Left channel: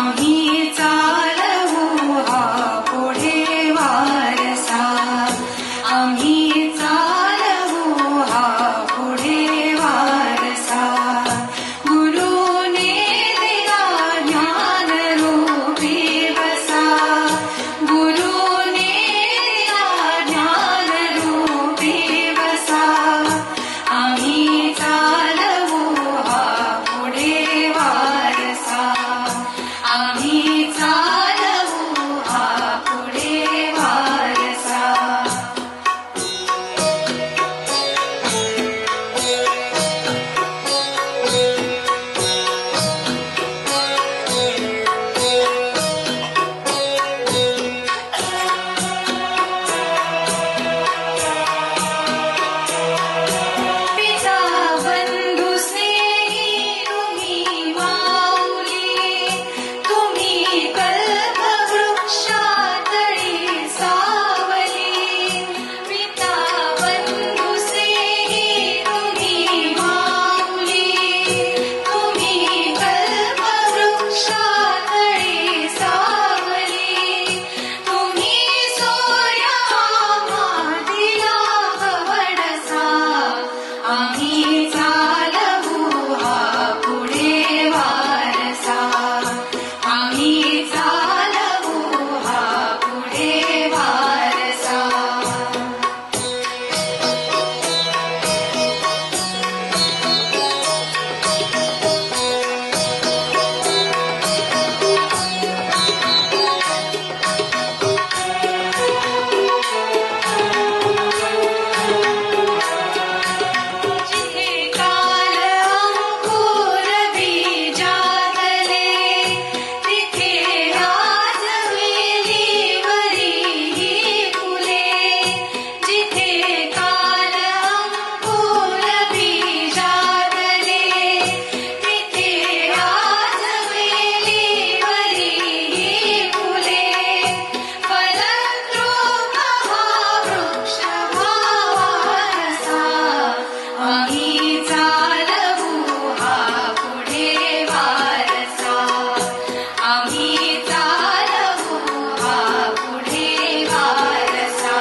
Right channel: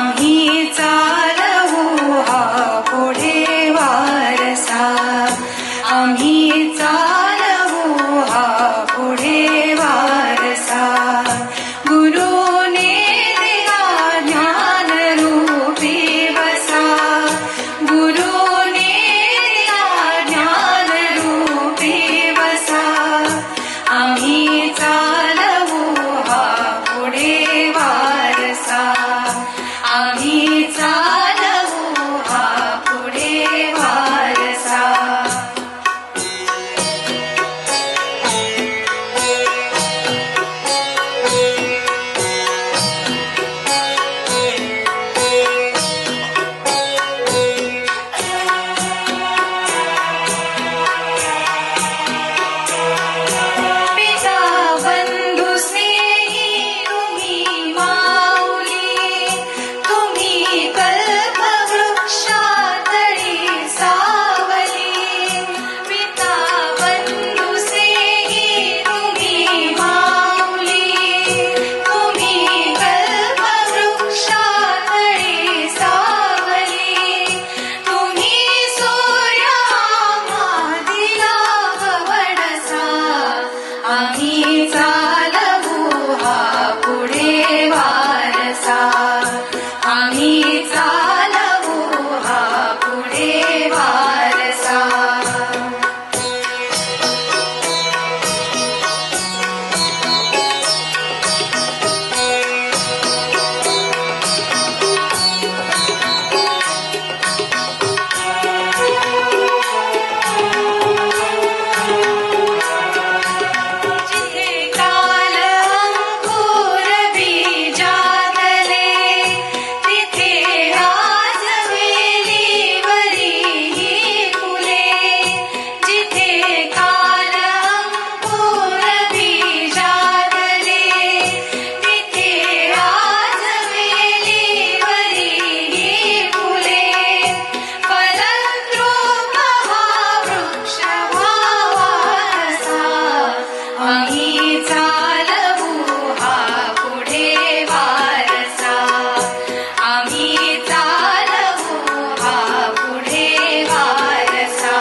आम्ही चालवू हा पुढे वारसा, आम्ही चालवू हा पुढे वारसा. गुरुने दिला ज्ञान रूपी वसा, गुरुने दिला ज्ञान रूपी वसा. आम्ही चालवू हा पुढे वारसा, आम्ही चालवू हा पुढे वारसा. आम्ही चालवू हा पुढे वारसा, आम्ही चालवू हा पुढे वारसा. आम्ही चालवू हा पुढे वारसा, आम्ही चालवू हा पुढे वारसा.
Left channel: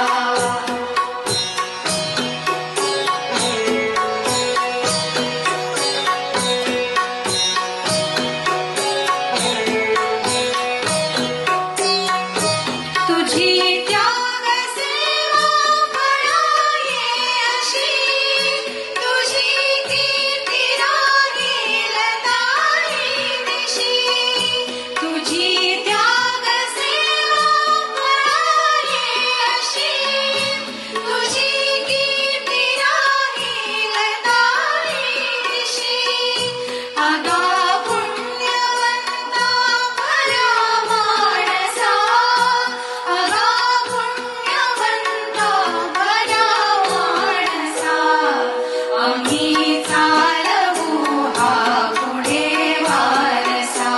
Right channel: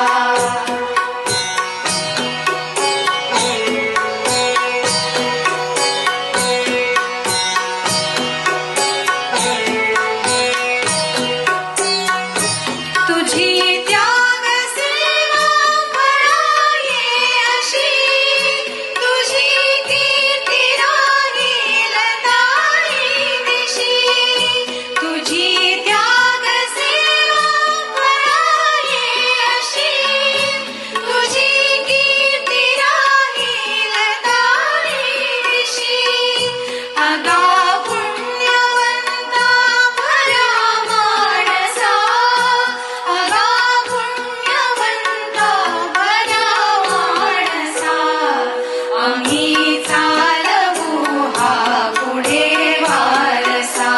तुझी त्याग सेवा फळाये अशी, तुझी कीर्ती राहील तारी दिशी. तुझी त्याग सेवा फळाये अशी, तुझी कीर्ती राहील तारी दिशी. अगा पुण्यवंता भल्या माणसा, अगा पुण्यवंता भल्या माणसा. आम्ही चालवू हा पुढे वारसा,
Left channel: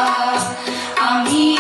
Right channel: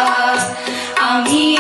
आम्ही